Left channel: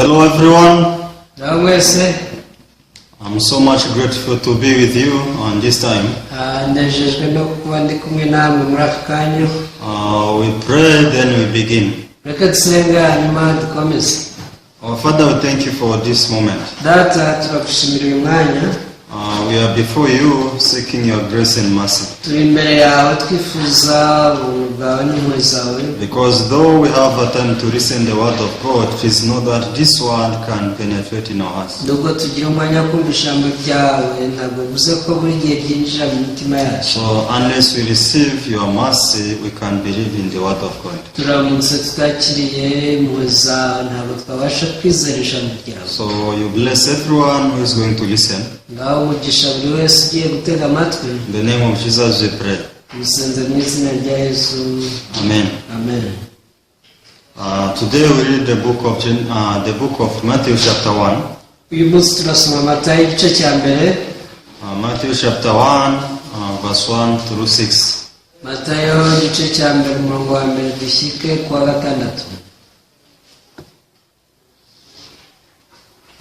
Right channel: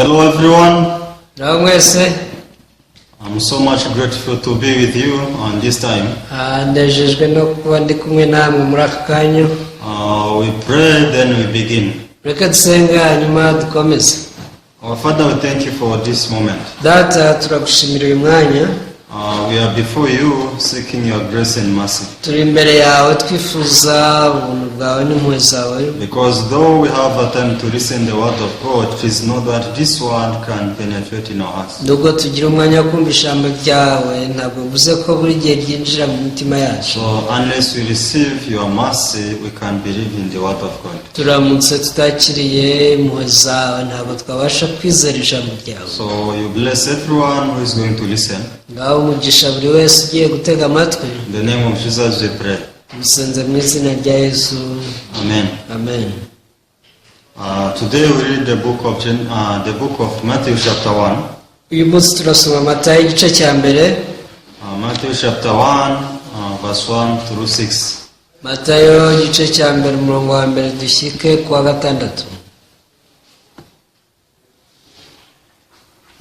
Hello everyone. Namwese I'm so much grateful to be with you on this time. ndejejwe no kuba ndi kumwe namwe muri aka kanya. We pray, then we begin. Reka dusenge hanyuma dukomeze. Our Father, we thank you for this moment. Data, turagushimira uyu mwanya. We are before you seeking your grace and mercy. Turi imbere yawe twifuza ubuntu bwawe n'impuhwe zawe. Because though we have a time to listen the word of God, please know that this word can penetrate in our hearts. Nubwo tugira umwanya wo kumva ijambo ryawe, ntabwo bivuze ko buri gihe ryinjira mu mitima yacu. So unless we receive your mercy, we can believe in the word of God. Turamutse tutakiriye impuhwe zawe, ntabwo twabasha kwizera ijambo ryawe. So you bless everyone who is going to listen. Ngaho umugisha buri wese ugiye gutega amatwi. In the name of Jesus we pray. Musenze mu izina rya Yesu. Amen. Amen. Today we read the book of Matthew chapter 1. Uyu munsi turasoma Matayo igice cya mbere. Matthew chapter 1 verse 1 through 6. Matayo igice cya mbere umurongo wa mbere dushyike kuwa gatandatu.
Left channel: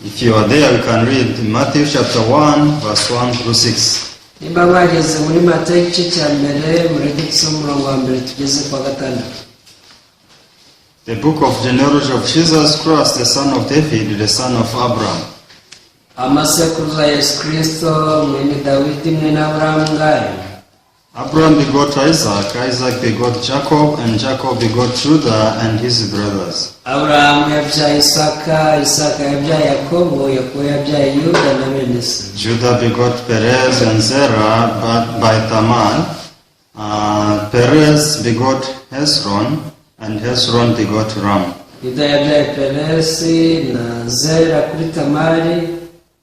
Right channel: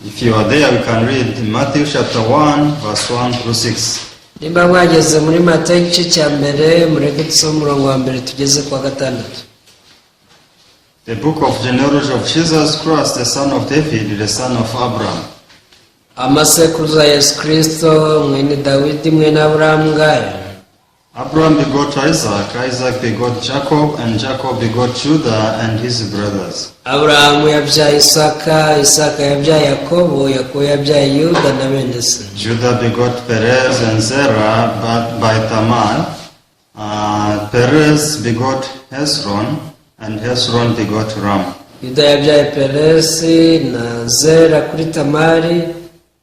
If you are there, we can read Matthew chapter 1 verse 1 through 6. Nimba mwageze muri Matayo igice cya mbere, mureke dusome umurongo wa mbere tugeze kuwa gatandatu. The book of genealogy of Jesus Christ, the son of David, the son of Abraham. Amasekuruza ya Yesu Kristo mwene Dawidi mwene Aburahamu ngayo. Abraham begot Isaac, Isaac begot Jacob, and Jacob begot Judah and his brothers. Aburahamu yabyaye Isaka, Isaka yabyaye Yakobo, Yakobo yabyaye Yuda na bene se. Judah begot Perez and Zerah by Tamar. Perez begot Hezron, and Hezron begot Ram. Yuda yabyaye Peresi na Zera kuri Tamari.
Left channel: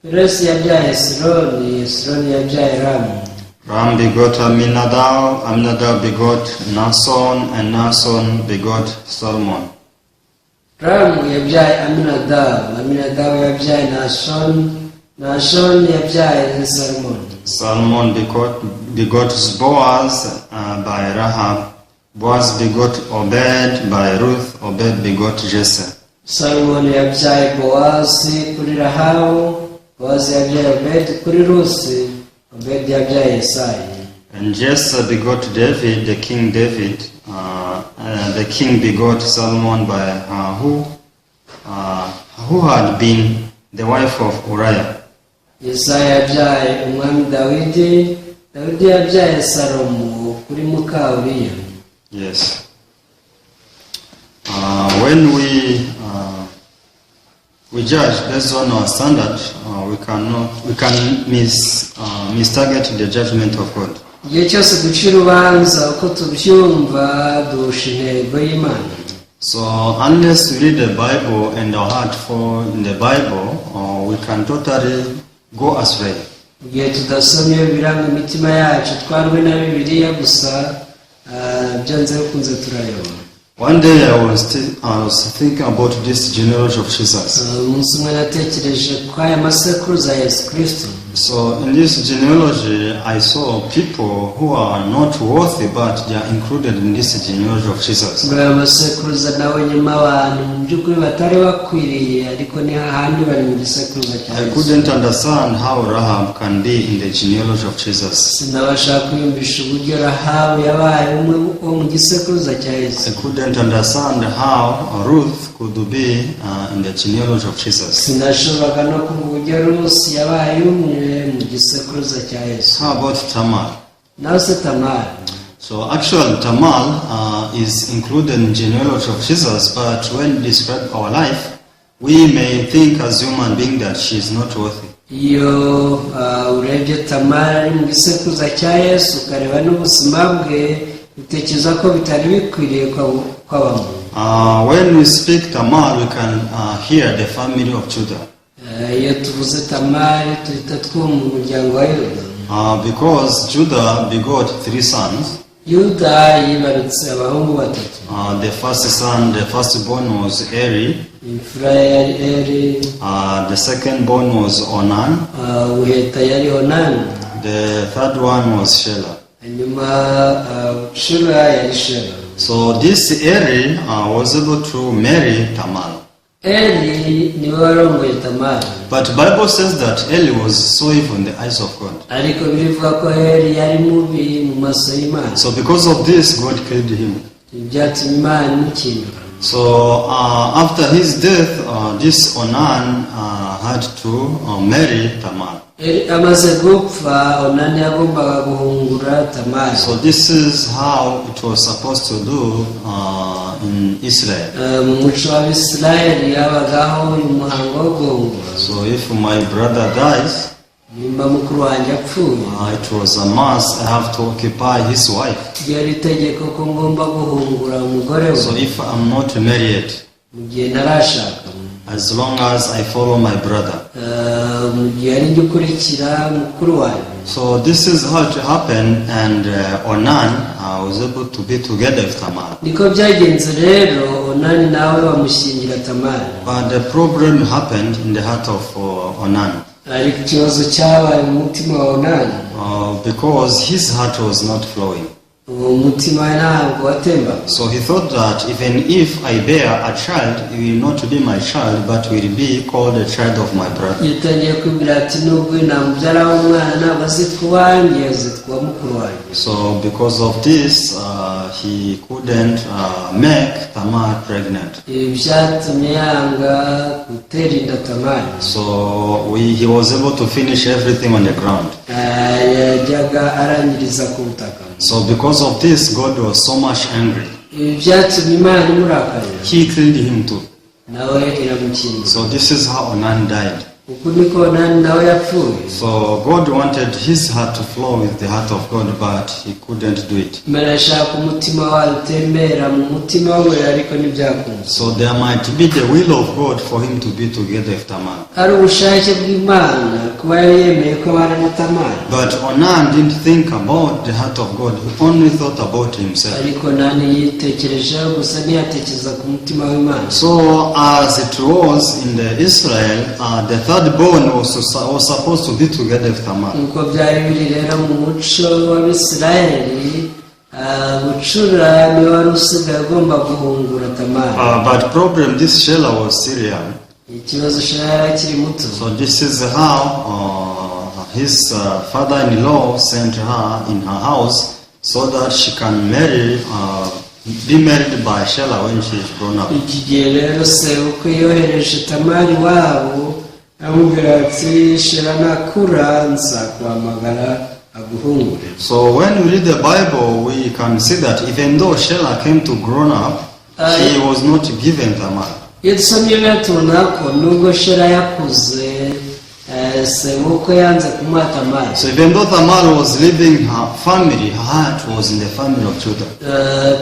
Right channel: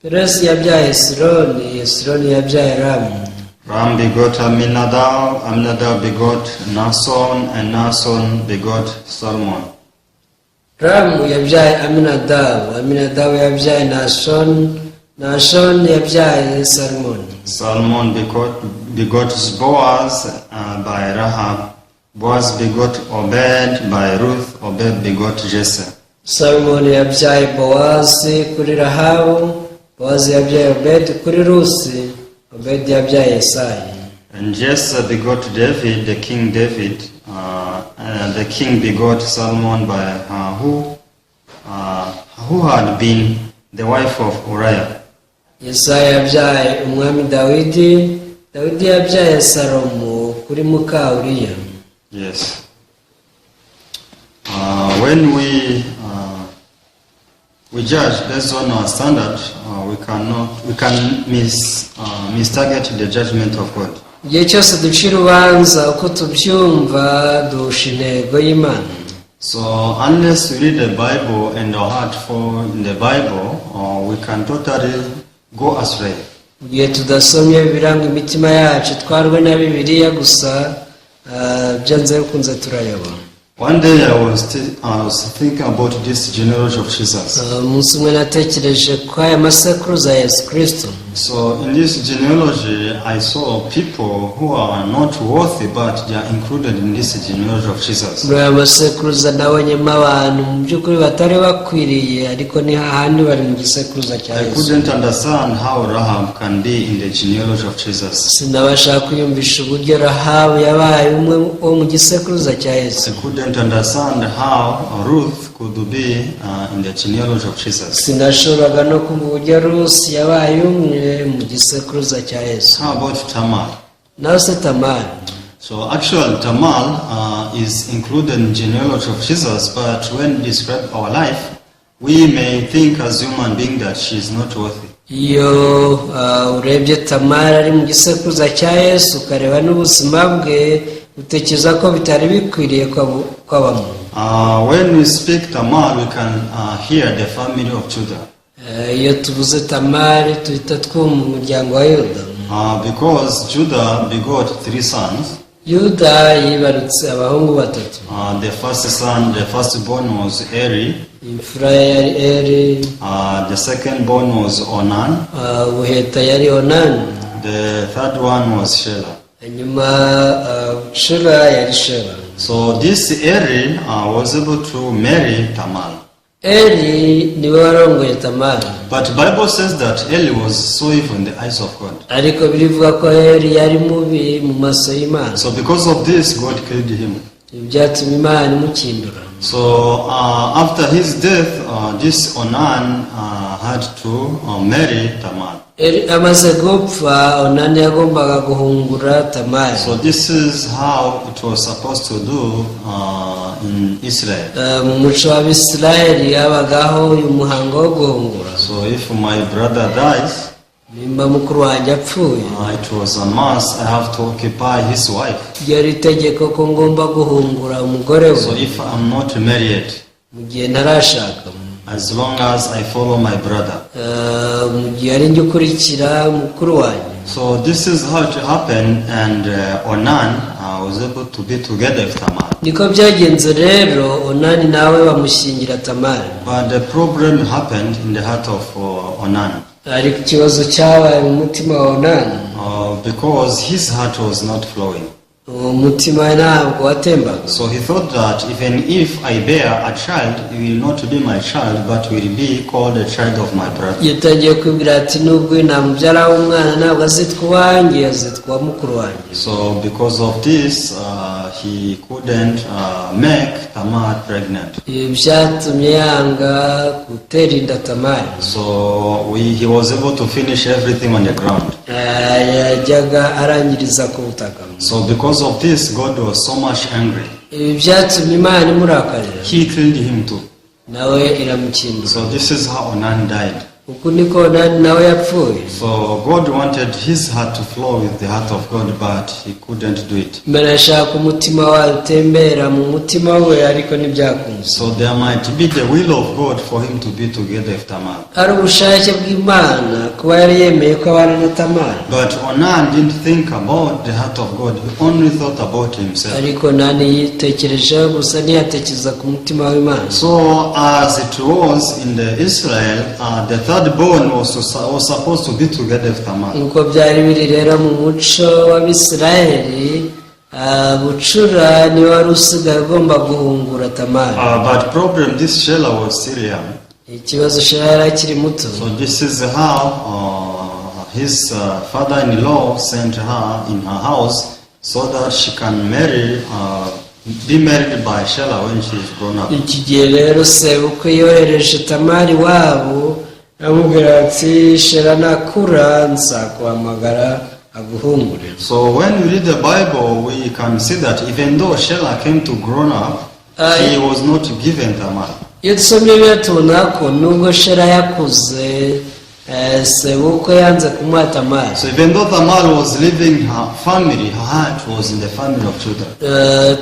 Peresi yabyaye Hesironi, Hesironi yabyaye Ramu. Ram begot Aminadab, Aminadab begot Nason, and Nason begot Salmon. Ramu yabyaye Aminadabu, Aminadabu yabyaye Nashon, Nashon yabyaye Salmon. Salmon begot Boaz by Rahab. Boaz begot Obed by Ruth. Obed begot Jesse. Salmon yabyaye Boazi kuri Rahabu, Boazi yabyaye Obed kuri Rusi, Obed yabyaye Yesayi. And Jesse begot David, the king David. The king begot Salmon by who had been the wife of Uriah. Yesayi yabyaye umwami Dawidi, Dawidi yabyaye Salomo kuri muka Uriya. Yes. When we judge based on our standard, we can mistarget the judgment of God. Igihe cyose duca urubanza uko tubyumva duhusha intego y'Imana. So unless we read the Bible and our heart fall in the Bible, we can totally go astray. Igihe tudasomye biranga imitima yacu twarwe na Bibiliya gusa, byanze bikunze turayoba. One day I was thinking about this genealogy of Jesus. Umunsi umwe natekereje ko aya masekuruza ya Yesu Kristo. So in this genealogy, I saw people who are not worthy, but they are included in this genealogy of Jesus. Muri aya masekuruza nabonyemo abantu mu by'ukuri batari bakwiriye, ariko ni hahandi bari mu gisekuruza cya I Yesu. couldn't understand how Rahab can be in the genealogy of Jesus. Sinabasha kwiyumvisha uburyo Rahabu yabaye umwe wo mu gisekuruza cya Yesu. I couldn't understand how Ruth could be in the genealogy of Jesus. Sinashoboraga no kumva uburyo Rusi yabaye umwe mu gisekuruza cya Yesu. How about Tamar? Naho se Tamari. So actually Tamar is included in genealogy of Jesus, but when describe our life, we may think as human being that she is not worthy. Iyo urebye Tamari ari mu gisekuruza cya Yesu ukareba n'ubuzima bwe, utekereza ko bitari bikwiriye kwabamo. When we speak Tamar, we can hear the family of Judah. Iyo tuvuze Tamari tuhita twumva umuryango wa Yuda. Because Judah begot 3 sons. Yuda yibarutse abahungu batatu. The firstborn was Eri. Imfura yari Eri. The secondborn was Onan. Ubuheta yari Onani. The third one was Shelah. Hanyuma Shela yari Shela. So this Eri was able to marry Tamar. Eli niwe warongoye Tamari, But Bible says that Eli was so evil in the eyes of God. ariko birivuga ko Eli yari mubi mu maso y'Imana. So because of this, God killed him. Byatumye Imana imukindura. So after his death, this Onan had to marry Tamar. Eli amaze gupfa, Onani yagombaga guhungura Tamari. So this is how it was supposed to do in Israel. Mu muco w'Abisirayeli habagaho uyu muhango wo guhungura. So if my brother dies, Nimba mukuru wanjye apfuye, it was a must. I have to occupy his wife. ryari itegeko ko ngomba guhungura umugore we So if I'm not married, mu gihe ntarashaka, as long as I follow my brother. mu gihe ari njye ukurikira mukuru wanjye. So this is how it happened, and Onan was able to be together with Tamar. Niko byagenze rero, Onani nawe bamushyingira Tamari. But the problem happened in the heart of Onan, Ariko ikibazo cyabaye mu mutima wa Onani, because his heart was not flowing. uwo mutima we ntabwo watembaga. So he thought that even if I bear a child, it will not be my child, but will be called a child of my brother. Yatangiye kwibwira ati nubwo namubyara umwana ntabwo azitwa uwanjye, azitwa mukuru wanjye. So because of this, he couldn't make Tamar pregnant. Ibi byatumye yanga gutera inda Tamari. So he was able to finish everything on the ground. Yajyaga arangiriza ku butaka. So because of this, God was so much angry. Ibi byatumye Imana imurakarira, He killed him too. nawe iramukindura. So this is how Onan died. Uku niko Onani nawe yapfuye. So God wanted his heart to flow with the heart of God, but he couldn't do it. Imana ashaka umutima wawe utembera mu mutima we, ariko ntibyakunze. So there might be the will of God for him to be together with Tamar. Ari ubushake bw'Imana kuba yari yemeye ko abana na Tamari, But Onan didn't think about the heart of God. He only thought about himself. ariko Onani yitekerejeho gusa, ntiyatekereza ku mutima w'Imana. So as it was in the Israel, the third born was supposed to be together with Tamar. Uko byari biri rero mu muco w'Abisirayeli, bucura niwe wari usigaye ugomba guhungura Tamari. But problem, this Shelah was still young. Ikibazo Shela yari akiri muto. So this is how his father-in-law sent her in her house so that she can be married by Shelah when she is grown up. Iki gihe rero sebukwe yohereje Tamari wabo, amubwira ati Shela nakura nzakuhamagara aguhungure. So when we read the Bible, we can see that even though Shelah came to grown up, he was not given Tamar. Iyo dusomye biba tubona ko nubwo Shela yakuze, sebukwe yanze kumuha Tamari. So even though Tamar was leaving her family, her heart was in the family of Judah.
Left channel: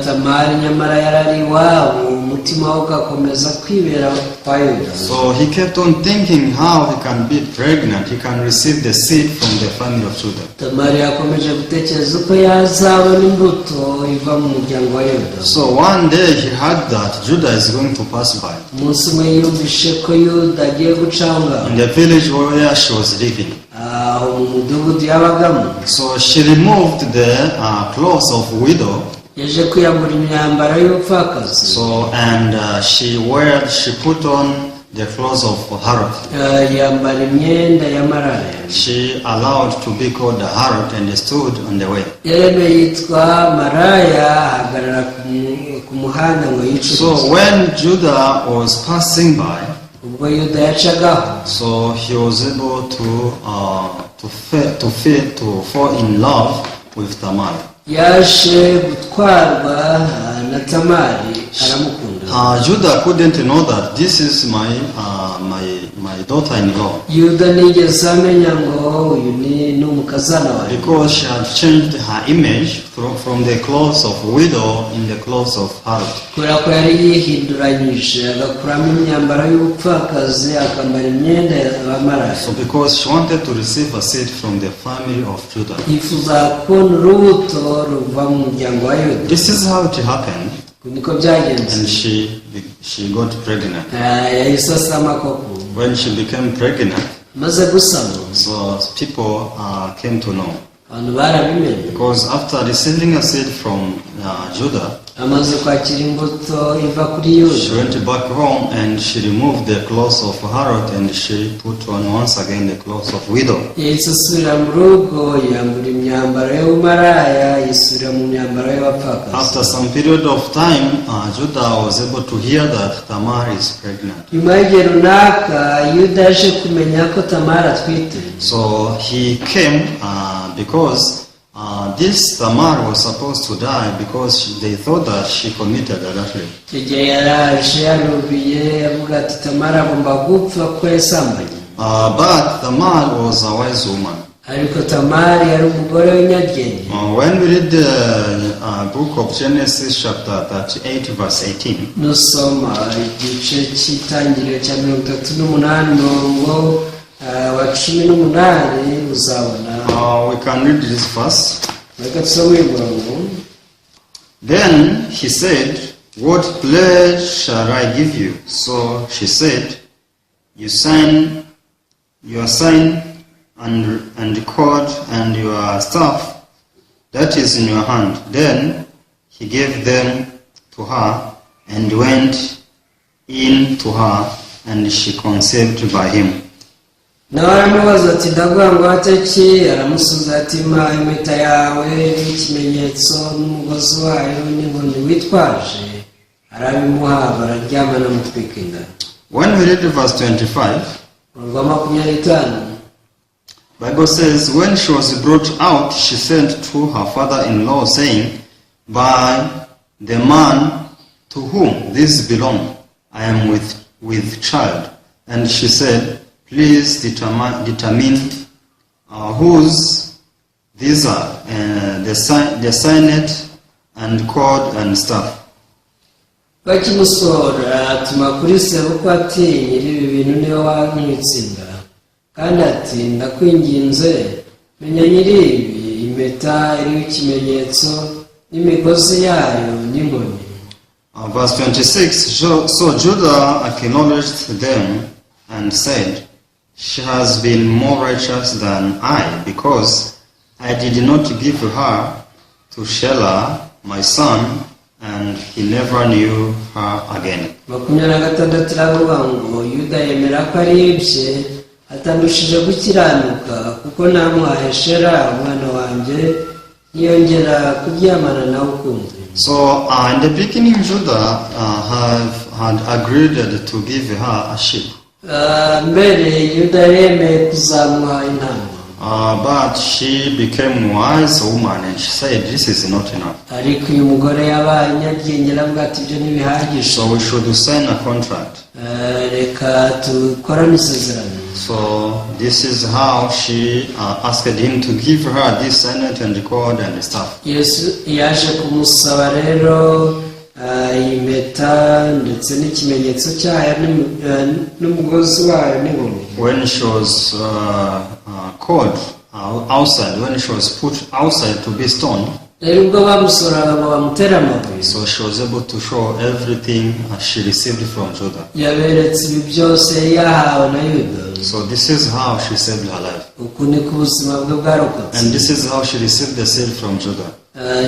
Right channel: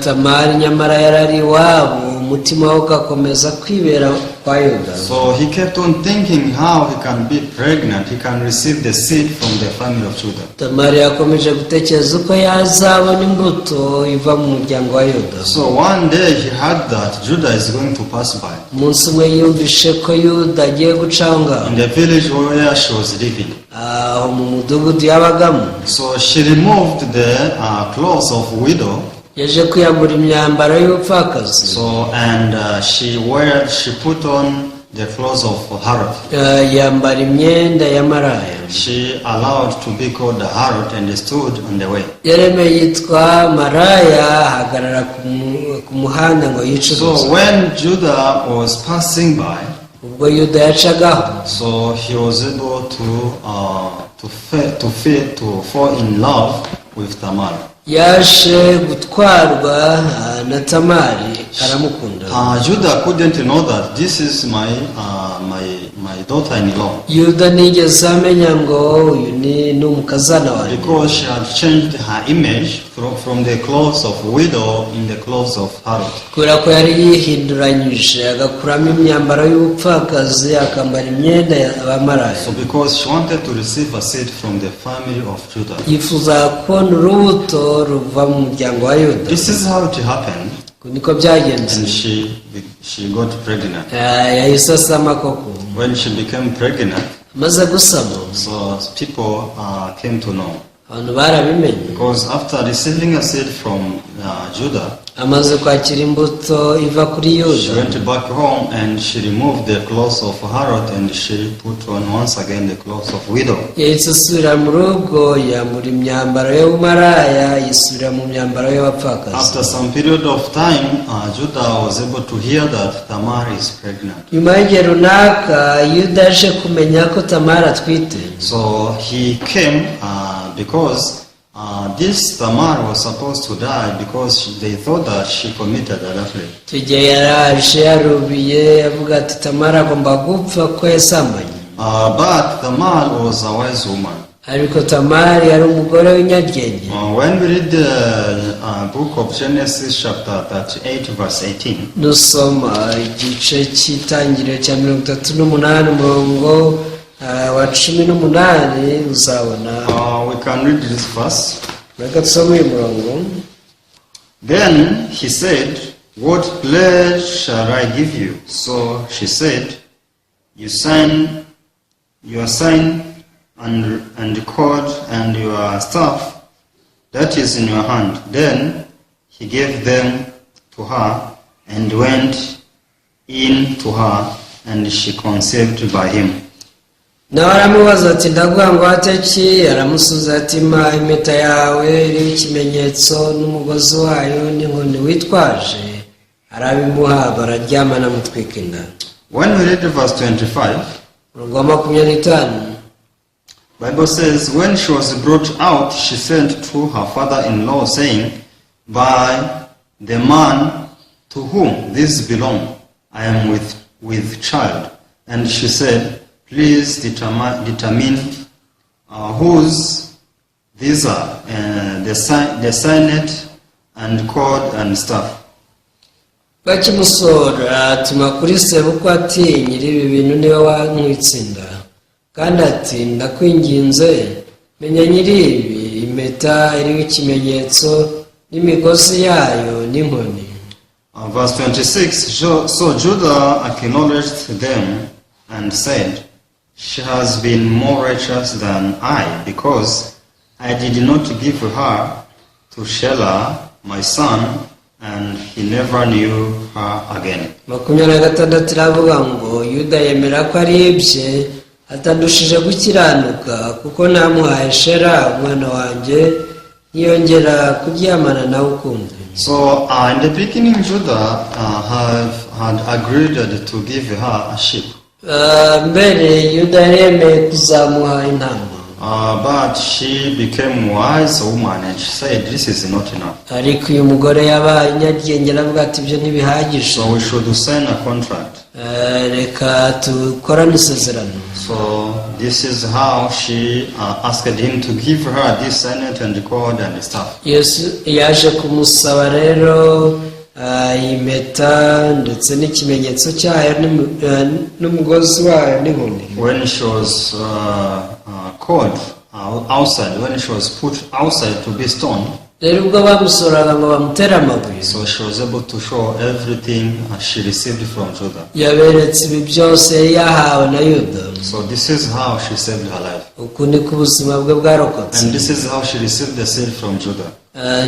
Tamari nyamara yarari iwabo, umutima we ugakomeza kwibera kwa Yuda. So he kept on thinking how he can be pregnant, he can receive the seed from the family of Judah. Tamari yakomeje gutekereza uko yazabona imbuto iva mu muryango wa Yuda. So one day he heard that Judah is going to pass by Umunsi umwe yumvishe ko Yuda agiye gucaho ngaho, in the village where she was living. aho mu mudugudu yabagamo. So she removed the clothes of widow. Yaje kwiyambura imyambaro y'ubupfakazi. So and she put on the clothes of harlot. Yambara imyenda y'amaraya. She allowed to be called the harlot and stood on the way. Yaremeye yitwa maraya, ahagarara ku muhanda ngo yicuruze. So when Judah was passing by, Ubwo Yuda yacagaho, so he was able to fall in love with Tamar. yaje gutwarwa na Tamari, aramukunda. Judah couldn't know that this is my daughter-in-law, Yuda nigeze amenya ngo uyu ni umukazana wanjye, because she had changed her image from the clothes of widow in the clothes of harlot. kubera ko yari yihinduranyije agakuramo imyambaro y'ubupfakazi akambara imyenda y'abamaraya. So because she wanted to receive a seed from the family of Judah. yifuza kubona urubuto ruva mu muryango wa Yuda. This is how it happened, Niko byagenze. and she got pregnant. Yahise asama koko. When she became pregnant, Maze gusama, so people came to know. abantu barabimenye, Because after receiving a seed from Judah, amaze kwakira imbuto iva kuri she yuda went back home and she removed the clothes of harlot and she put on once again the clothes of widow. yahise asubira mu rugo yambura imyambaro y'ubumaraya yisubira mu myambaro y'abapfakazi. After some period of time, Judah was able to hear that Tamar is pregnant. nyuma y'igihe runaka yuda yaje kumenya ko tamara atwite. So he came because this Tamar was supposed to die because they thought that she committed adultery. icyo gihe yaraje yarubiye avuga ati tamara agomba gupfa ko yasambanye. But Tamar was a wise woman. ariko tamari yari umugore w'inyaryenge. When we read the book of Genesis chapter 38 verse 18, dusoma igice cy'itangiriro cya 38 umurongo wa 18 uzabona. we can read this verse. reka tusome uyu murongo. Then he said, "What pledge shall I give you?" So she said, "Your sign and cord and your staff that is in your hand." Then he gave them to her and went in to her, and she conceived by him. nawe aramubaza ati ndavuga ngo ateki. aramusubiza ati mpa impeta yawe n'ikimenyetso n'umugozi wayo n'inkoni witwaje. arabimuha bararyamana mutwika inda. When we read verse 25, umurongo wa 25 Bible says, when she was brought out, she sent to her father-in-law, saying, "By the man to whom this belong, I am with child." And she said, "Please determine whose these are, the signet and cord and staff." bakimusora atuma kuri sebukwe ati nyiri ibi bintu niwe wantwitse inda. kandi ati ndakwinginze menya nyiri ibi impeta iriho ikimenyetso n'imigozi yayo n'inkoni. Verse 26, so Judah acknowledged them and said, "She has been more righteous than I, because I did not give her to Shelah, my son, and he never knew her again." 26 iravuga ngo yuda yemera ko ari ibye atandushije gukiranuka kuko namuhaye shera umwana wanjye ntiyongera kuryamana nawe ukundi. So in the beginning, Judah had agreed to give her a sheep. mbere yuda yemeye kuzamuha intama. But she became a wise woman and she said, "This is not enough. ariko uyu mugore yabaye inyaryenge aravuga ati ibyo ntibihagije. So we should sign a contract." reka dukorane isezerano. So this is how she asked him to give her this signet and cord and staff. yesu yaje kumusaba rero impeta ndetse n'ikimenyetso cyayo n'umugozi wayo n'inkoni. When she was called outside, when she was put outside to be stoned, rero ubwo bamusoraga ngo bamutere amabuye. so she was able to show everything she received from Judah. yaberetse ibi byose yari yahawe na yuda. So this is how she saved her life. uku niko ubuzima bwe bwarokotse. And this is how she received the seed from Judah.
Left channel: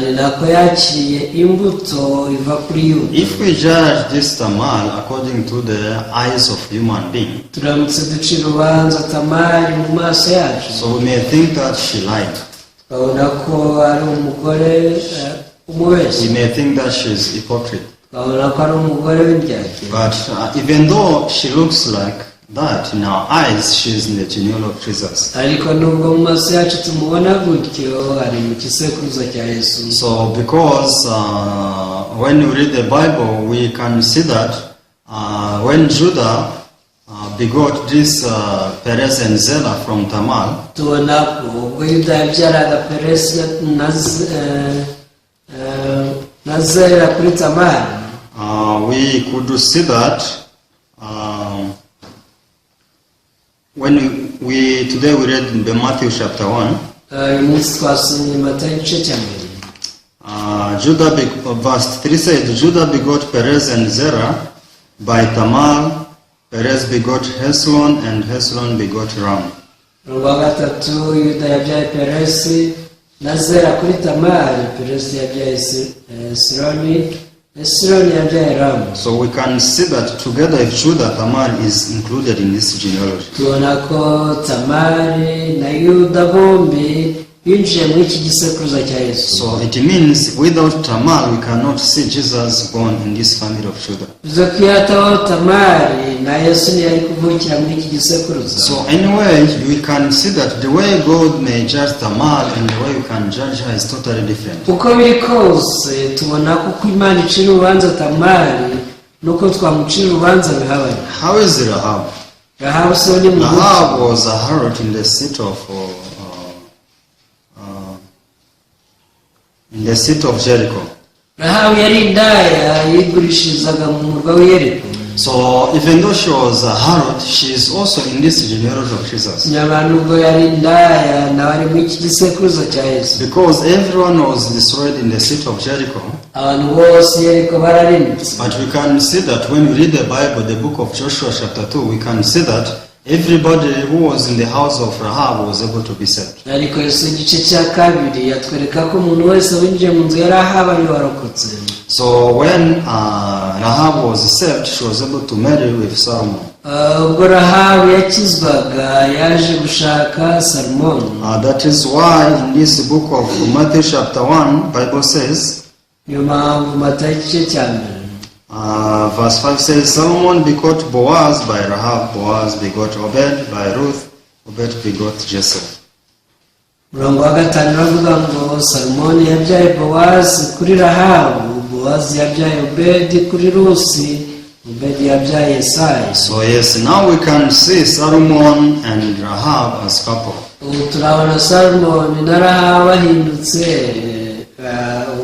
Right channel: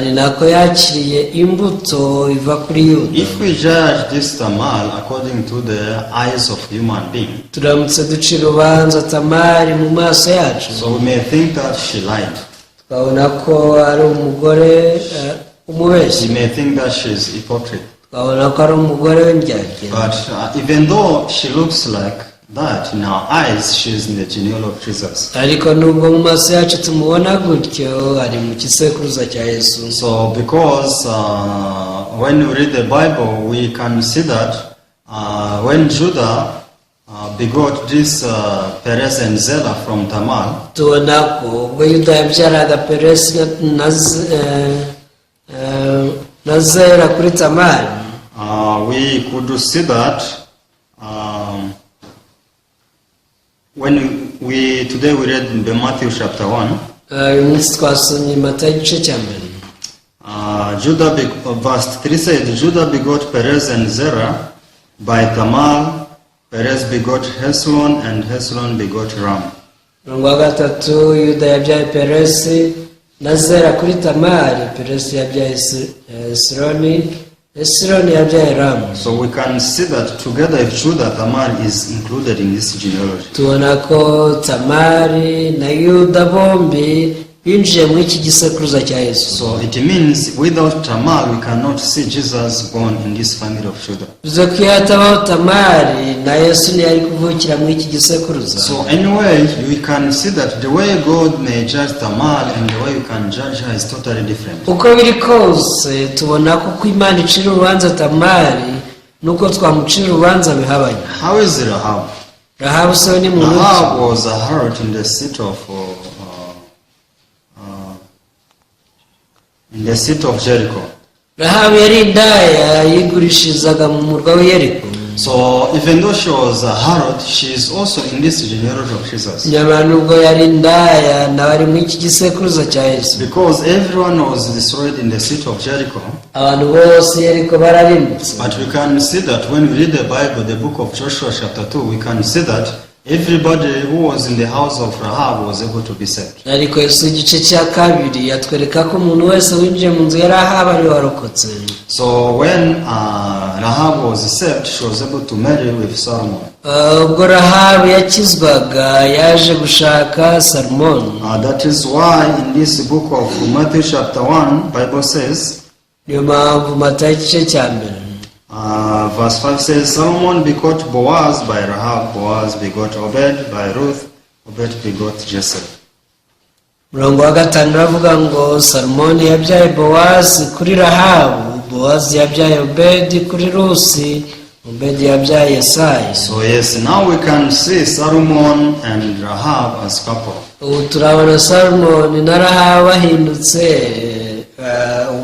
ni nako yakiriye imbuto iva kuri yuda. If we judge this Tamar according to the eyes of human being, turamutse ducira urubanza tamari mu maso yacu, so we may think that she lied. babona ko ari umugore umubeshyi. We may think that she is hypocrite. babona ko ari umugore w'indyarya. But even though she looks like that, in our eyes, she is in the genealogy of Jesus. ariko nubwo mu maso yacu tumubona gutyo ari mu gisekuruza cya yesu. So because when we read the Bible, we can see that when Judah begot this Perez and Zerah from Tamar, tubona ko ubwo yuda yabyaraga peresi na zera kuri tamari, we could see that when we today we read in Matthew chapter 1, uyu munsi twasomye mata igice cya mbere. verse 3 said, Judah begot Perez and Zerah by Tamar. Perez begot Hezron, and Hezron begot Ram. umurongo wa gatatu yuda yabyaye peresi na Zera kuri Tamari, Peresi yabyaye Esironi, Esironi yabyaye Ramu. So we can see that together if Judah, Tamar is included in this genealogy. Tubona ko Tamari na Yuda bombi binjiye muri iki gisekuruza cya Yesu. So it means without Tamar we cannot see Jesus born in this family of Judah. Bivuze ko iyo hatabaho Tamari na Yesu ntiyari kuvukira muri iki gisekuruza. So anyway, we can see that the way God may judge Tamar and the way you can judge her is totally different. Uko biri kose tubona ko uko Imana icira urubanza Tamari nuko twamucira urubanza bihabanye. How is Rahab? Rahabu se ni Rahab was a harlot in the city of Jericho. Rahabu yari indaya yigurishirizaga mu murwa wa Yeriko. So even though she was a harlot, she is also in this genealogy of Jesus. Nyamara nubwo yari indaya nawe ari muri iki gisekuruza cya Yesu. Because everyone was destroyed in the city of Jericho. Abantu bose Yeriko bararimutse. But we can see that when we read the Bible, the book of Joshua chapter 2, we can see that everybody who was in the house of Rahab was able to be saved. Ariko Yesu igice cya kabiri yatwereka ko umuntu wese winjiye mu nzu ya Rahabu ari warokotse. So when Rahab was saved, she was able to marry with Solomon. Ubwo Rahabu yakizwaga yaje gushaka Salomoni. That is why in this book of Matthew chapter 1, Bible says, Niyo mpamvu Matayo igice cya mbere verse 5 says, Solomon begot Boaz by Rahab, Boaz begot Obed by Ruth, Obed begot Jesse. Murongo wa gatanu uravuga ngo Salomoni yabyaye Bowazi kuri Rahabu, Bowazi yabyaye Obedi kuri Rusi, Obedi yabyaye Yesayi. So yes, now we can see Solomon and Rahab as couple. Ubu turabona Salomoni na Rahabu bahindutse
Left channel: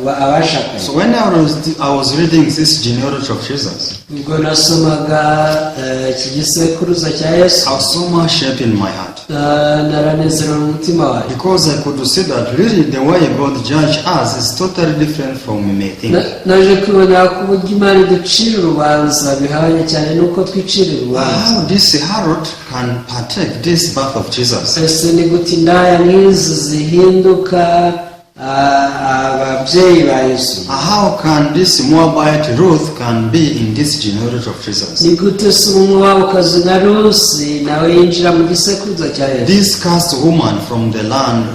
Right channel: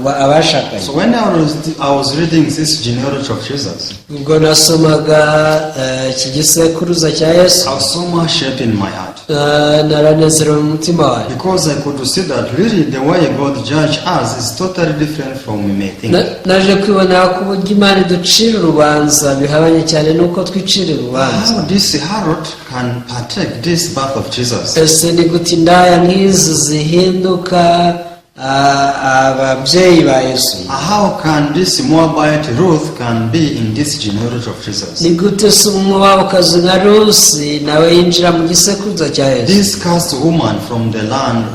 abashakanye. So when I was reading this genealogy of Jesus, Ubwo nasomaga iki gisekuruza cya Yesu, I was so much shaped in my heart. naranezerewe mu mutima wanjye. Because I could see that really the way God judges us is totally different from we may think. Naje kwibonera ko uburyo Imana iducira urubanza bihabanye cyane n'uko twicira urubanza. How this harlot can partake this birth of Jesus? Ese ni gute indaya nk'izi zihinduka ababyeyi ba Yesu? How can this Moabite Ruth can be in this genealogy of Jesus? Ni gute se Umumowabukazi nka Rusi nawe yinjira mu gisekuruza cya Yesu? This cursed woman from the land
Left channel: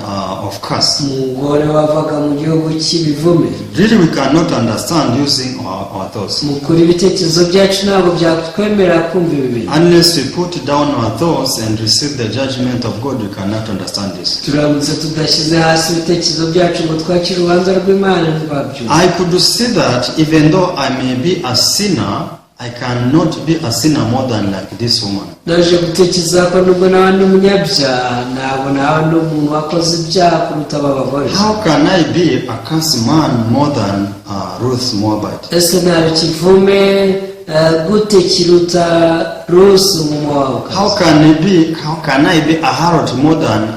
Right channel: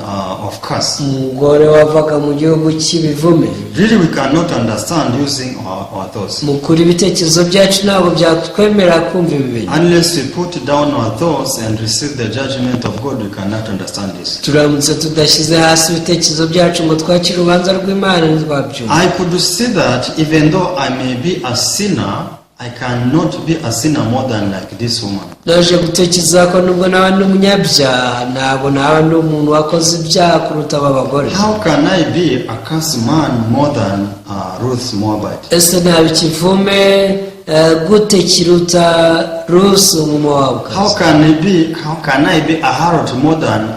of curse. Umugore wavaga mu gihugu cy'ibivume. Really we cannot understand using our thoughts. Mu kuri ibitekerezo byacu ntabwo byatwemerera kumva ibi bintu. Unless we put down our thoughts and receive the judgment of God, we cannot understand this. Turamutse tudashyize hasi ibitekerezo byacu ngo twakire urubanza rw'Imana ntitwabyumva. I could see that even though I may be a sinner, I cannot be a sinner more than like this woman. Naje gutekereza ko nubwo naba ndi umunyabyaha ntabwo naba ndi umuntu wakoze ibyaha kuruta aba bagore. How can I be a cursed man more than Ruth Moabite? Ese naba ikivume gute kiruta Rusi Umumowabukazi? How can I be a harlot more than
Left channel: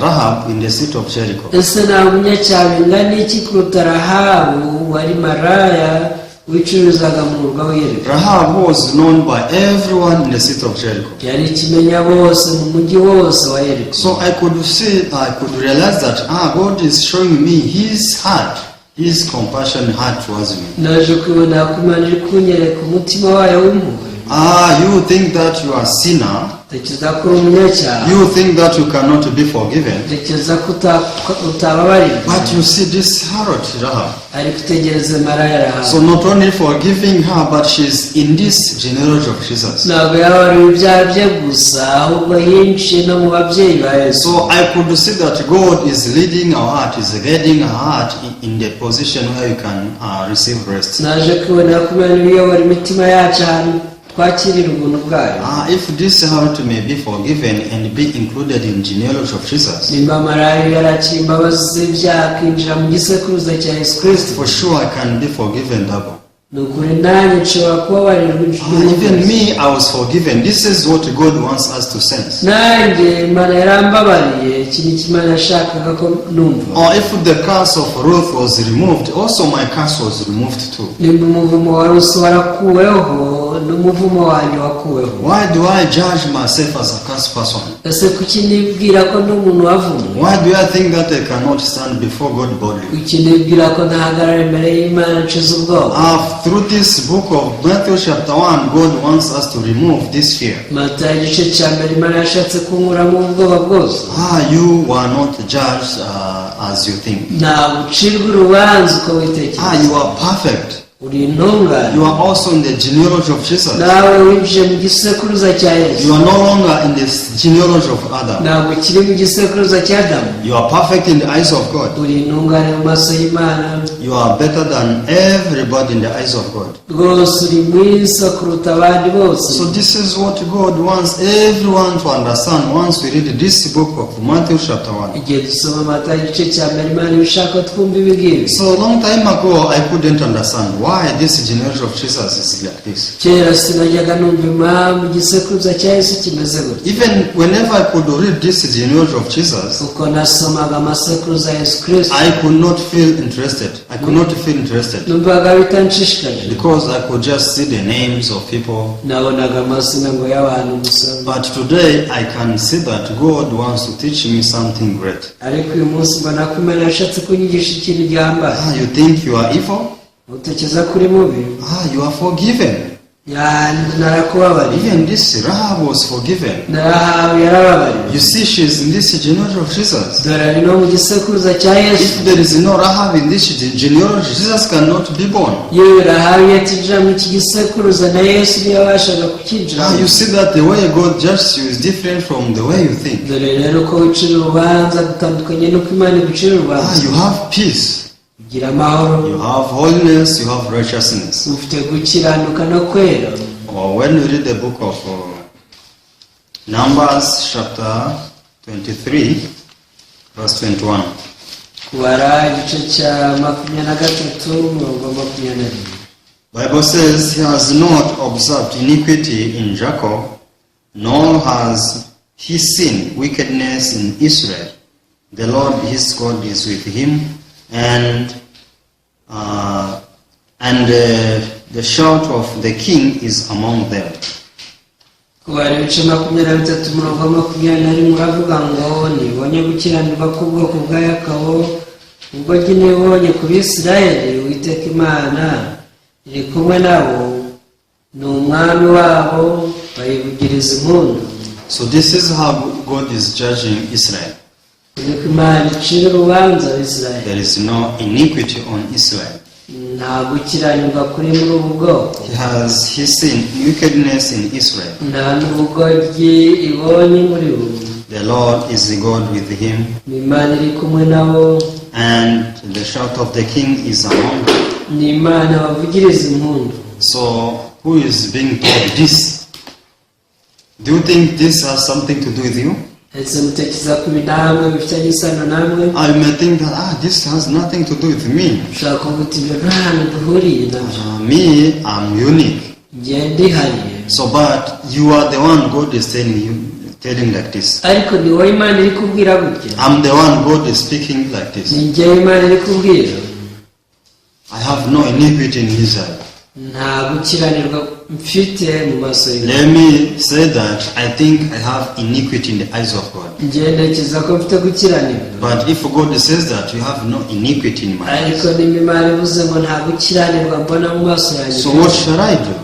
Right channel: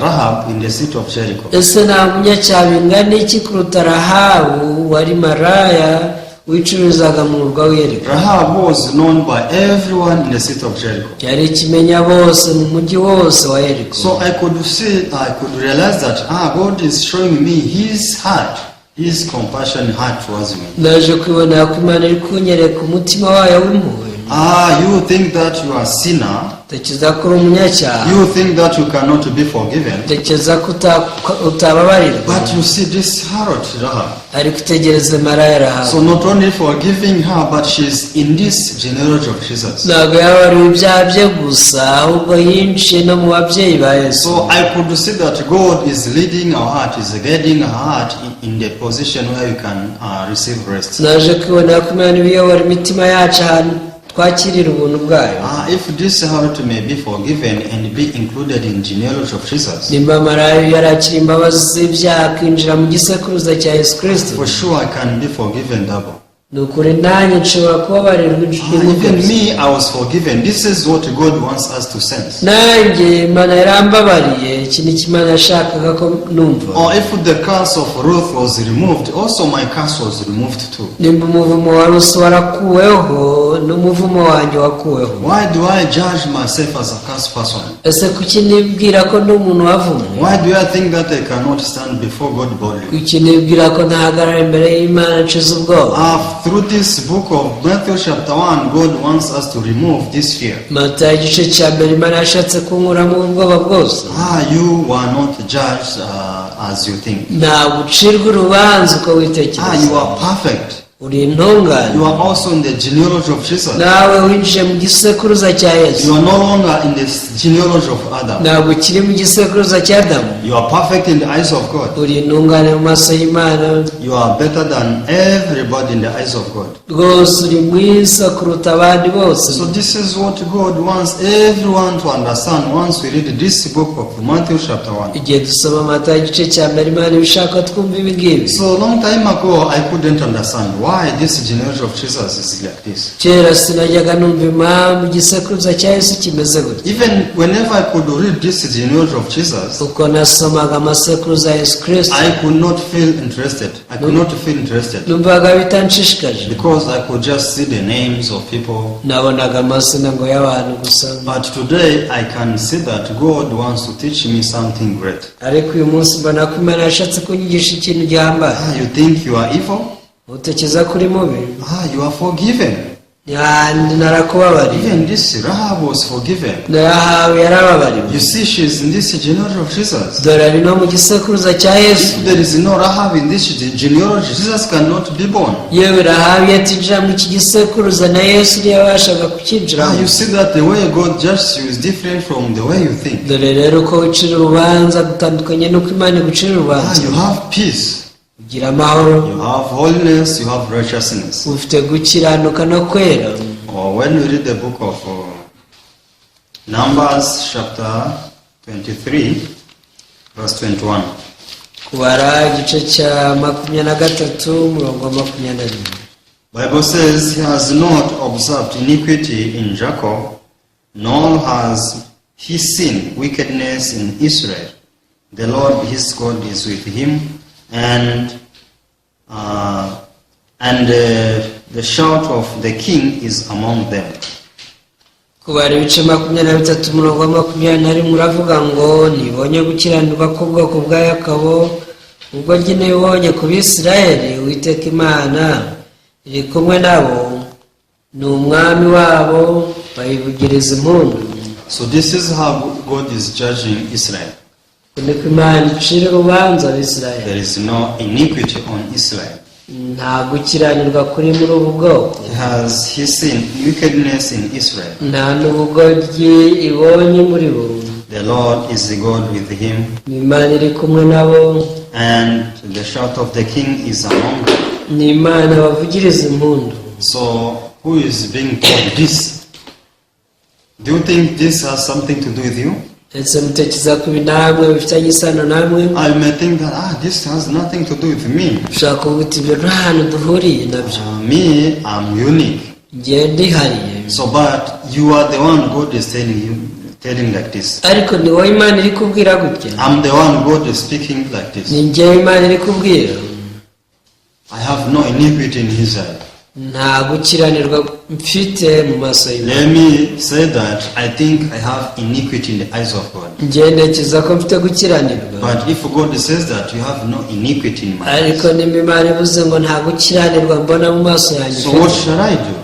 Rahab in the city of Jericho? Ese naba umunyacyaha bingana iki kuruta Rahabu wari maraya wicururizaga mu murwa wa Yeriko? Rahab was known by everyone in the city of Jericho. Yari ikimenya bose mu mujyi wose wa Yeriko. So I could realize that God is showing me His heart, His compassion heart towards me. Naje kwibona ko Imana iri kunyereka umutima wayo w'impuhwe. You think that you are a sinner. Tekereza ko uri umunyacyaha. You think that you cannot be forgiven. Tekereza ko utababarirwa. But you see this harlot Rahab. Ariko utegereze maraya Rahabu. So not only forgiving her, but she's in this genealogy of Jesus. Ntabwo yabariwe ibyaha bye gusa ahubwo yinjiye no mu babyeyi ba Yesu. So I could see that God is leading our heart, is guiding our heart in the position where we can receive rest. Naje kwibona ko Imana iyobora imitima yacu ahantu twakirira ubuntu bwayo. If this harlot may be forgiven and be included in genealogy of Jesus, nimba maraya yarakira imbabazi z'ibyaha akinjira mu gisekuruza cya Yesu Kristo, for sure I can be forgiven double. nukuri nanjye nshobora kubabarirwa Even me, I was forgiven. This is what God wants us to sense. nanjye Imana yarambabariye. Iki ni cyo Imana yashakaga ko numva. Or if the curse of Ruth was removed, also my curse was removed too. nimba umuvumo wa Rusi warakuweho n'umuvumo wanjye wakuweho. Why do I judge myself as a cursed person? ese kuki nibwira ko ndi umuntu wavumwe? Why do I think that I cannot stand before God boldly? kuki nibwira ko ntahagarara imbere y'Imana nshize ubwoba? Through this book of Matthew chapter 1, God wants us to remove this fear. Matayo igice cya mbere Imana yashatse kunkuramo ubwoba bwose. You were not judged as you think. ntabwo ucirwa urubanza uko witekereza. You are perfect. uri intungane. You are also in the genealogy of Jesus. nawe winjiye mu gisekuruza cya Yesu. You are no longer in the genealogy of Adam. ntabwo ukiri mu gisekuruza cya Adamu. You are perfect in the eyes of God. uri intungane mu maso y'Imana. You are better than everybody in the eyes of God. rwose uri mwiza kuruta abandi bose. So this is what God wants everyone to understand once we read this book of Matthew chapter 1. igihe dusoma Matayo igice cya mbere Imana ibishaka twumva ibi ngibi. So a long time ago I couldn't understand why this genealogy of Jesus is like this. kera sinajyaga numva impamvu igisekuruza cya Yesu kimeze gutya. Even whenever I could read this genealogy of Jesus, uko nasomaga amasekuruza ya Yesu Kristo I could not feel interested. I could not feel interested numvaga bitanshishikaje. because I could just see the names of people. nabonaga amazina ngo y'abantu gusa. But today I can see that God wants to teach me something great. ariko uyu munsi mbona ko Imana yashatse kunyigisha ikintu gihambaye. You think you are evil? utekereza kuri mubi. You are forgiven. narakubabariye. Even this Rahab was forgiven. Rahabu yarababariwe. You see, she's in this genealogy of Jesus. dore ari no mu gisekuruza cya Yesu. If there is no Rahab in this genealogy, Jesus cannot be born. yewe Rahabu yatinjira mu iki gisekuruza na Yesu ntiyabashaga kukinjiramo. You see that the way God judges you is different from the way you think. dore rero ko wicira urubanza gutandukanye n'uko Imana igucira urubanza. You have peace. ugira amahoro. You have holiness, you have righteousness. ufite gukiranuka no kwera. Or when you read the book of Numbers chapter 23, verse 21. kubara igice cya 23 umurongo wa 21. Bible says, He has not observed iniquity in Jacob, nor has he seen wickedness in Israel. The Lord his God is with him, and the shout of the king is among them. kubara ibice 23 umurongo wa 21 uravuga ngo nibonye gukiranirwa k'ubwoko bwa Yakobo ubwo njye nibonye ku Bisirayeli Uwiteka Imana iri kumwe nabo ni umwami wabo bayivugiriza impundu. So this is how God is judging Israel. niko Imana icira urubanza Abisirayeli. There is no iniquity on Israel. nta gukiranirwa kuri muri ubu bwoko. He seen wickedness in Israel. nta n'ubugoryi ibonye muri bo. The Lord is the God with him, Imana iri kumwe nabo, and the shout of the king is among them. ni Imana bavugiriza impundu. So who is being told this? Do you think this has something to do with you? ese mutekereza ko ibi namwe bifitanye isano namwe? I may think that this has nothing to do with me. ushaka kuvuga ibyo nta hantu duhuriye nabyo. Me, I'm unique. njye ndihariye. So, but you are the one God is telling like this. ariko ni wowe Imana iri kubwira gutya. I'm the one God is speaking like this. ni njye Imana iri kubwira. I have no iniquity in Israel. nta gukiranirwa mfite mu maso y'Imana. Let me say that I think I have iniquity in the eyes of God. njye ntekereza ko mfite gukiranirwa. But if God says that you have no iniquity in my eyes, ariko niba Imana ivuze ngo nta gukiranirwa mbona mu maso yanjye, so what shall I do?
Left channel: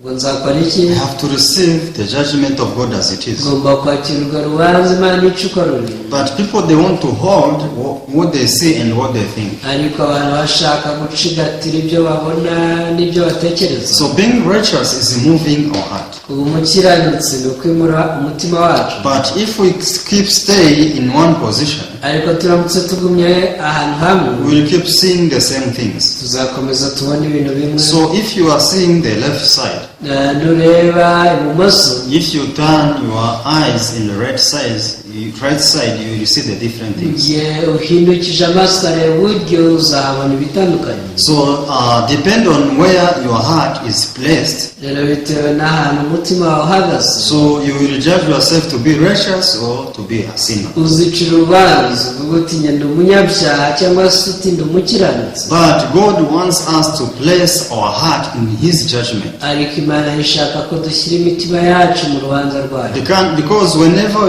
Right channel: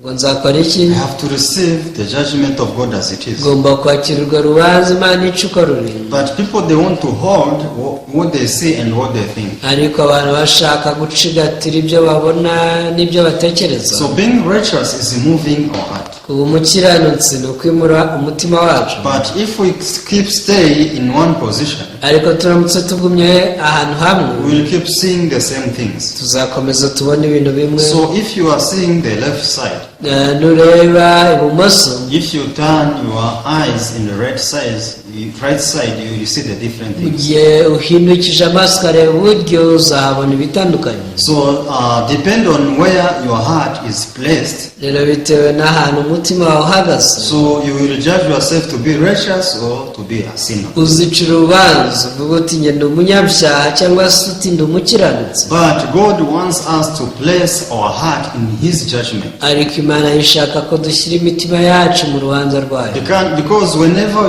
ngo nzakora iki? I have to receive the judgment of God as it is. ngomba kwakirwa rubanza Imana ica uko ruri. But people, they want to hold what they see and what they think. ariko abantu bashaka gucigatira ibyo babona n'ibyo batekereza. So being righteous is moving our heart. ubu umukiranutsi ni ukwimura umutima wacu. But if we keep stay in one position, ariko turamutse tugumye ahantu hamwe, we will keep seeing the same things. tuzakomeza tubona ibintu bimwe. So if you are seeing the left side, nureba ibumoso, if you turn your eyes in the right side, you will see the different things. igihe uhindukije amaso ukareba iburyo uzahabona ibitandukanye. So depend on where your heart is placed. Rero bitewe n'ahantu umutima wawe uhagaze, So you will judge yourself to be righteous or to be a sinner. uzicira urubanza uvuga uti njye ndi umunyabyaha cyangwa se uti ndi umukiranutsi. But God wants us to place our heart in His judgment. Ariko Imana ishaka ko dushyira imitima yacu mu rubanza rwayo. Because whenever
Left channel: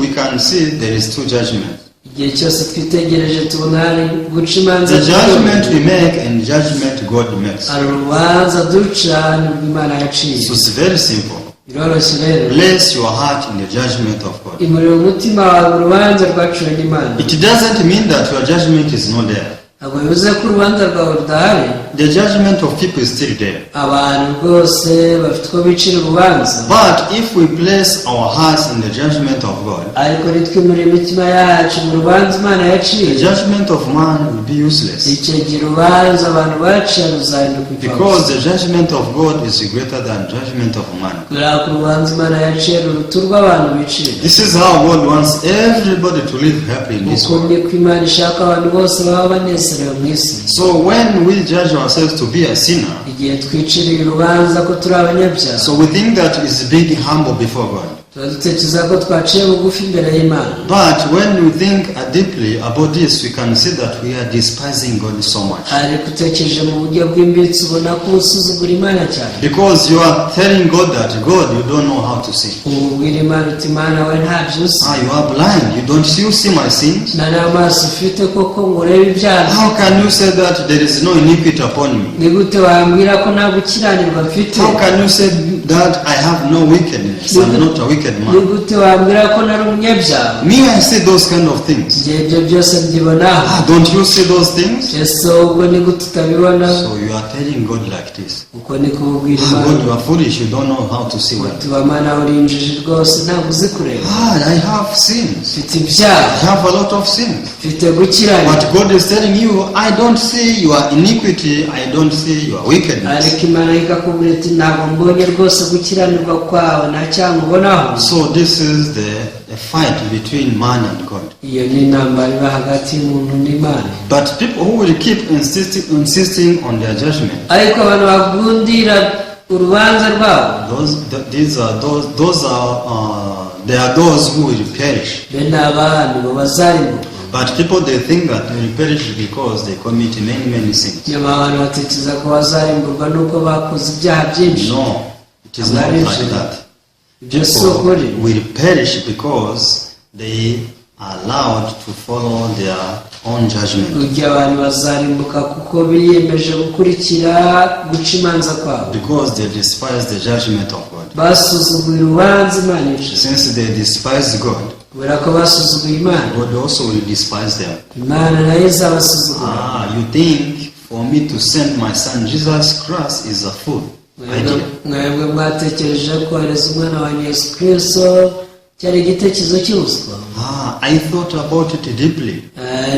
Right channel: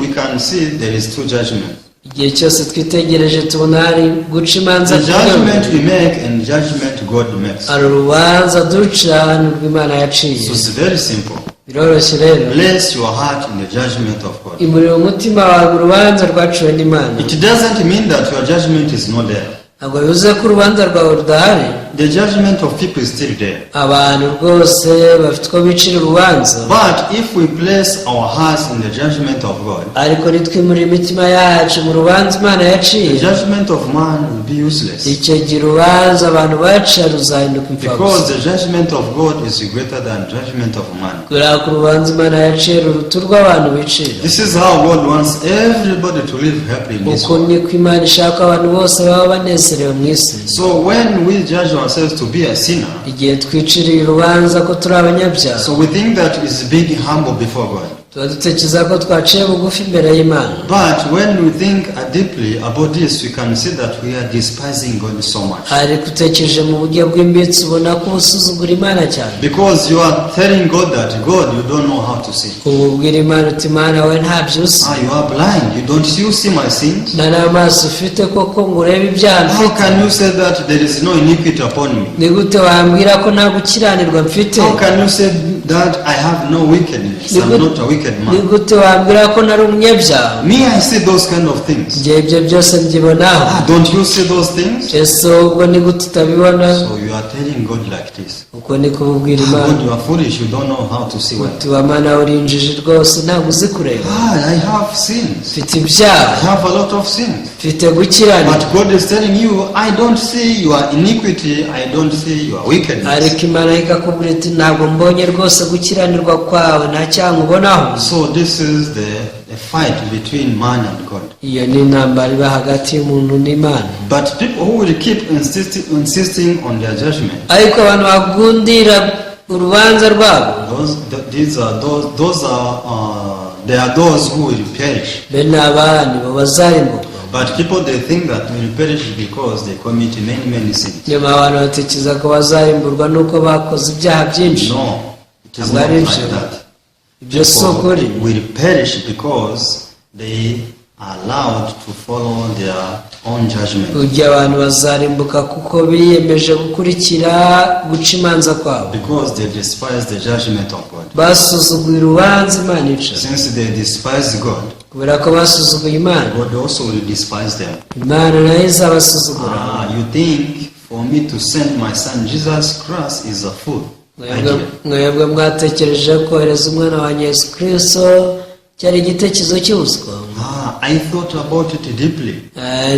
we can see there is two judgments. Igihe cyose twitegereje tubona hari guca imanza. The judgment we make and judgment God makes. Hari urubanza duca n'urw'Imana yaciye. So it's very simple. Biroroshye rero. Place your heart in the judgment of God. Imurira umutima wawe urubanza rwaciwe n'Imana. It doesn't mean that your judgment is not there. Ntabwo bivuze ko urubanza rwawe rudahari. The judgment of people is still there. Abantu rwose bafite uko bicira urubanza. But if we place our hearts in the judgment of God, ariko nitwimurira imitima yacu mu rubanza Imana yaciye, the judgment of man will be useless. icyo gihe urubanza abantu baciye ruzahinduka impfabusa. Because the judgment of God is greater than judgment of man. kubera ko urubanza Imana yaciye ruruta urw'abantu bicira. This is how God wants everybody to live happily in this uko world. niko Imana ishaka abantu bose baba banezerewe mu isi. So when we judge ourselves to be a sinner, igihe twiciriye urubanza ko turi abanyabyaha, so we think that is being humble before God. tuba dutekereza ko twaciye bugufi imbere y'Imana. But when we think deeply about this, we can see that we are despising God so much. ariko utekereje mu buryo bw'imbitsi ubona ko usuzugura Imana cyane. Because you are telling God that, God, you don't know how to see. ubwira Imana uti Imana we ntabyo uzi. You are blind. You see my sins? nta n'amaso ufite koko ngo urebe ibyaha How mfite. can you say that there is no iniquity upon me? ni gute wambwira ko nta gukiranirwa mfite? How can you say that I have no wickedness? I'm not a wicked ni man. gute wambwira ko nari umunyabyaha? Me, I see those kind of things. njye ibyo byose mbyibonaho. Don't you see those things? ese ubwo ni gute utabibona? So you are telling God like this. uko ni kubwira God, Imana you are foolish. You don't know how to see well. uti Mana uri injiji rwose ntabwo uzi kureba. I have sins. mfite ibyaha, I have a lot of sins. mfite gukiranirwa. But God is telling you, I don't see your iniquity. I don't see your wickedness. ariko Imana ikakubwira iti ntabwo mbonye rwose gukiranirwa kwawe nta cyaha nkubonaho. So this is the fight between man and God. iyo ni intambara iba hagati y'umuntu n'Imana. But people who will keep insisting on their judgment, ariko abantu bagundira urubanza rwabo, they are those who will perish. bene aba nibo bazarimbuka. But people, they think that they will perish because they commit many sins. nyuma abantu batekereza ko bazarimburwa nuko bakoze ibyaha byinshi. No, it is not like that. ibyo si People ukuri. will perish because they are allowed to follow their own judgment. ujya abantu bazarimbuka kuko biyemeje gukurikira guca imanza kwabo, Because they despise the judgment of God. basuzuguye urubanza Imana ica. Since they despise God, kubera ko basuzuguye Imana, God also will despise them. Imana nayo izabasuzugura. You think for me to send my son Jesus Christ is a fool idea. mwebwe mwatekereje kohereza umwana wa Yesu Kristo cyari igitekerezo cy'ubuswa. I thought about it deeply.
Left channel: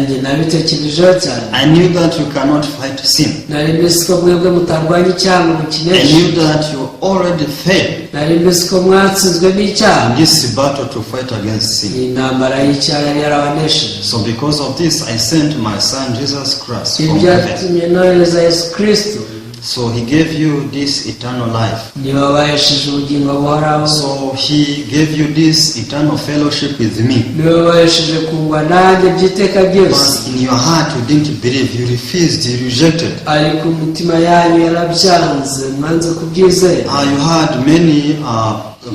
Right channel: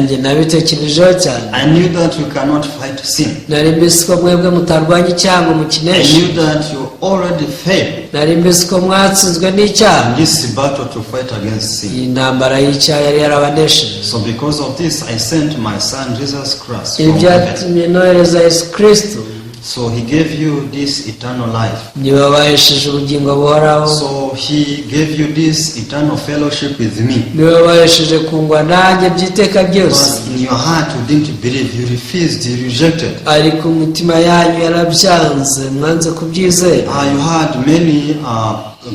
njye nabitekerejeho cyane. I knew that you cannot fight sin. nari mbizi ko mwebwe mutarwanya icyaha ngo I mukineshe. knew that you already failed nari mbizi ko mwatsinzwe n'icyaha. in this battle to fight against sin. iyi ntambara y'icyaha yari yarabanesheje. So because of this, I sent my son Jesus Christ ibi from heaven. byatumye nohereza Yesu Kristo. So he gave you this eternal life. niwe wabahesheje ubugingo buhoraho. So he gave you this eternal fellowship with me. niwe wabahesheje kungwa nanjye by'iteka byose. But in your heart you didn't believe, you refused, you rejected. ariko umutima yanyu yarabyanze, mwanze kubyizera. You had many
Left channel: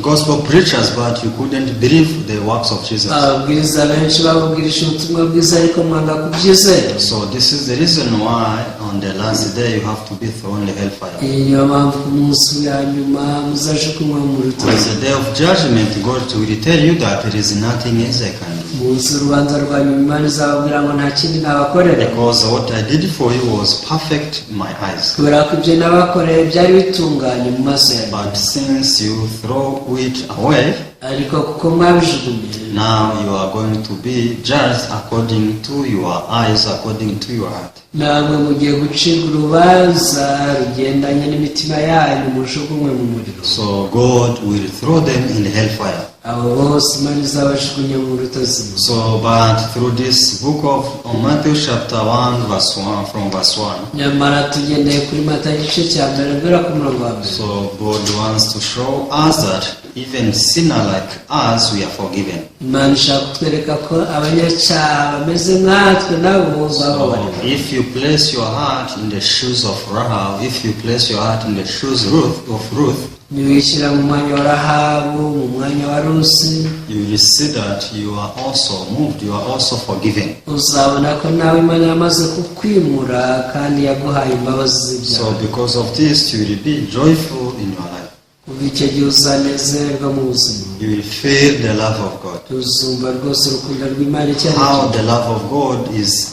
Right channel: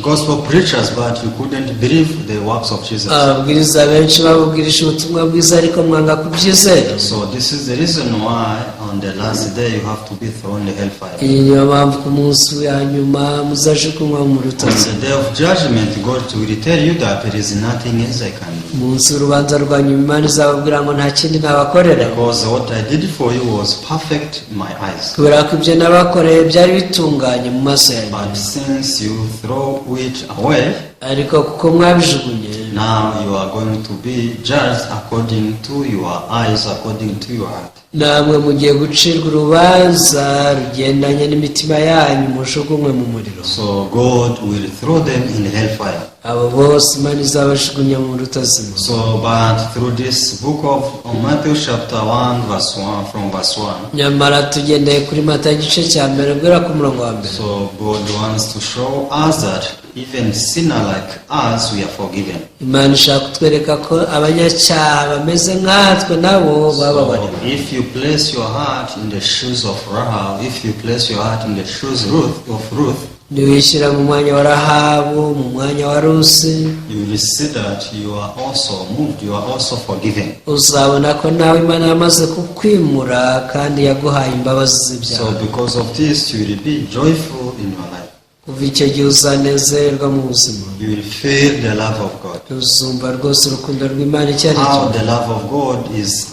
gospel preachers, but you couldn't believe the works of Jesus. ababwiriza benshi babubwirisha ubutumwa bwiza ariko mwanga kubyizera. So this is the reason why on the last day you have to be thrown in the hellfire. iyi niyo mpamvu ku munsi wa nyuma muzajugunywa mu On rutare. the day of judgment, God will tell you that there is nothing else I can do. umunsi w'urubanza rwa nyuma Imana izababwira ngo nta kindi nabakorera. Because what I did for you was perfect in my eyes. kubera ko ibyo nabakoreye byari bitunganye mu maso yanjye. But since you throw throw it away, ariko kuko mwabijugunye now you are going to be judged according to your eyes, according to your heart. namwe mugiye gucirwa urubanza rugendanye n'imitima yanyu mujugunywe mu muriro. So God will throw them in hellfire. abo bose Imana izabajugunya mu rutazima. So, but through this book of Matthew chapter 1 verse 1, from verse 1, nyamara tugendeye kuri Matayo igice cya mbere guhera ku murongo wa mbere. so God wants to show us that even sinner like us, we are forgiven. Imana ishaka kutwereka ko abanyacyaha bameze nkatwe nabo So bababariwe. if you place your heart in the shoes of Rahab, if you place your heart in the shoes of Ruth, niwishyira mu mwanya wa Rahabu, mu mwanya wa Rusi, you will see that you are also moved, you are also forgiven. uzabona ko nawe Imana yamaze kukwimura kandi yaguhaye imbabazi So z'ibyaha. because of this, you will be joyful in your life. ubu icyo gihe uzanezerwa mu buzima, You will feel the love of God. uzumva rwose urukundo rw'Imana icyo ari How cyo. the love of God is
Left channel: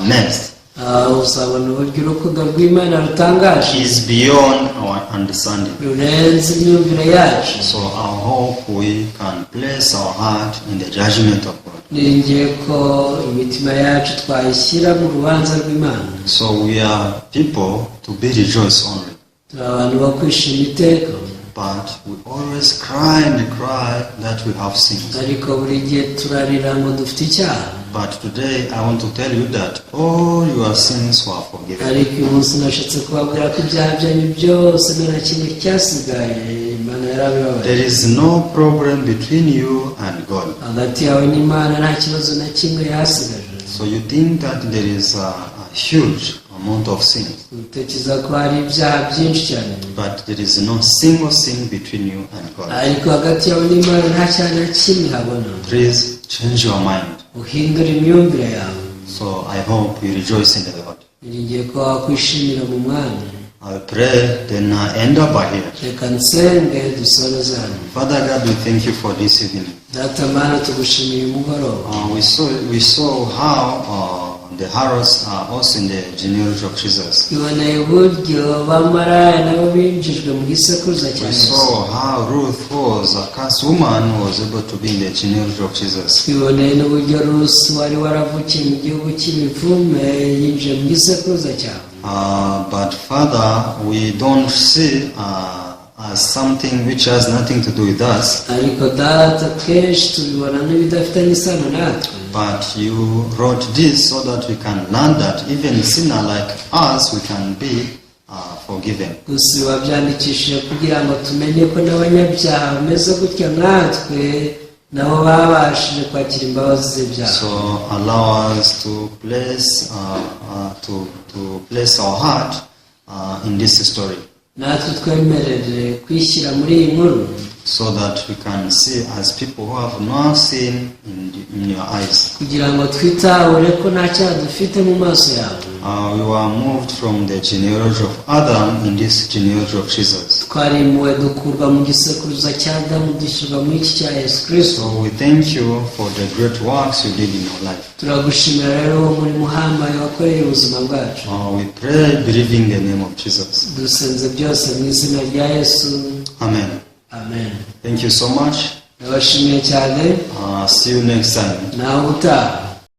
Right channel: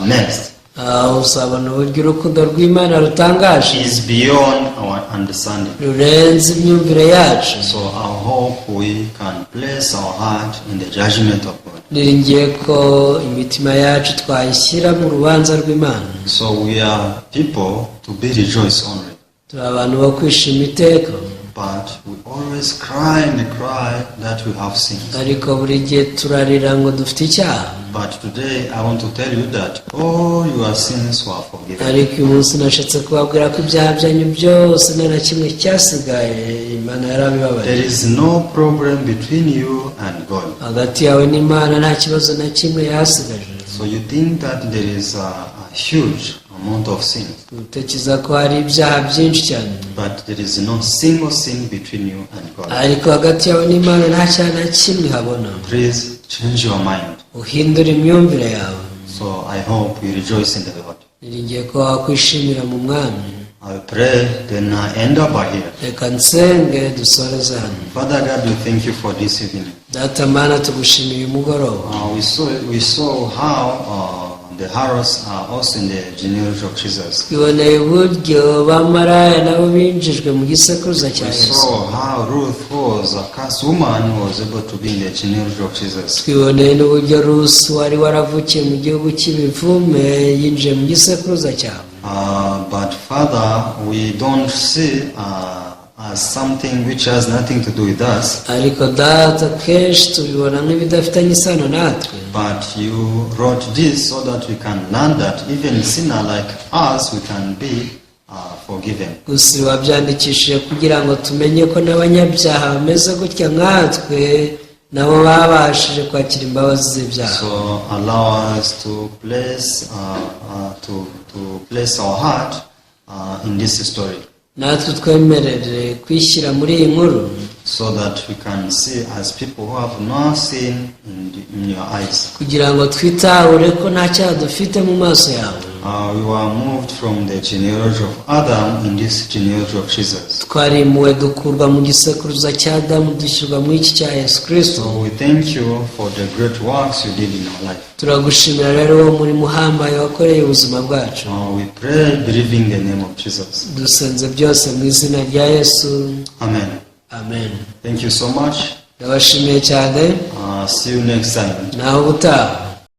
mixed uzabona uburyo urukundo rw'Imana rutangaje is beyond our understanding. rurenze imyumvire yacu. So I hope we can place our heart in the judgment of God. niringiye ko imitima yacu twayishyira mu rubanza rw'Imana. So we are people to be rejoiced only. turi abantu bo kwishima iteka, But we always cry and cry that we have sinned. ariko buri gihe turarira ngo dufite icyaha. But today I want to tell you that all your sins were forgiven. ariko uyu munsi nashatse kubabwira ko ibyaha byanyu byose nta na kimwe cyasigaye Imana yarabibabaye. There is no problem between you and God. hagati yawe n'Imana nta kibazo na kimwe yasigaje. So you think that there is a huge amount of sins, utekereza ko hari ibyaha byinshi cyane, but there is no single sin between you and God. ariko hagati yawe n'Imana nta cyaha na kimwe habona. Please change your mind. uhindura imyumvire yawe. So I hope you rejoice in the Lord. niringiye ko wakwishimira mu Mwami. I pray, then I end up by here. reka nsenge dusoreze hano. Father God, we thank you for this evening. data Mana, tugushimiye umugoroba. We saw how the Harrods are also in the genealogy of Jesus. twiboneye uburyo bamaraya nabo binjijwe mu gisekuruza cya We Yesu. saw how Ruth, who was a cursed woman, was able to be in the genealogy of Jesus. twiboneye n'uburyo Rusi wari waravukiye mu gihugu cy'ibivume yinjiye mu gisekuruza cyawe. But Father, we don't see as something which has nothing to do with us, ariko data kenshi tubibona nk'ibidafitanye isano natwe. but you wrote this so that we can learn that even sinner like us, we can be forgiven. gusa wabyandikishije kugira ngo tumenye ko n'abanyabyaha bameze gutya nkatwe nabo babashije kwakira imbabazi z'ibyaha. So allow us to place place our heart in this story, natwe twemerere kwishyira muri iyi nkuru, so that we can see as people who have no sin in your eyes. kugira ngo twitahure ko nta cyaha dufite mu maso yawe. We were moved from the genealogy of Adam in this genealogy of Jesus. twarimuwe dukurwa mu gisekuruza cya Adamu dushyirwa muri iki cya Yesu Kristo. So we thank you for the great works you did in our life. turagushimira rero wo muri muhambaye wakoreye ubuzima bwacu. We pray believing the name of Jesus. dusenze byose mu izina rya Yesu, Amen. amen. Thank you so much. ndabashimiye cyane, See you next time. naho gutaha.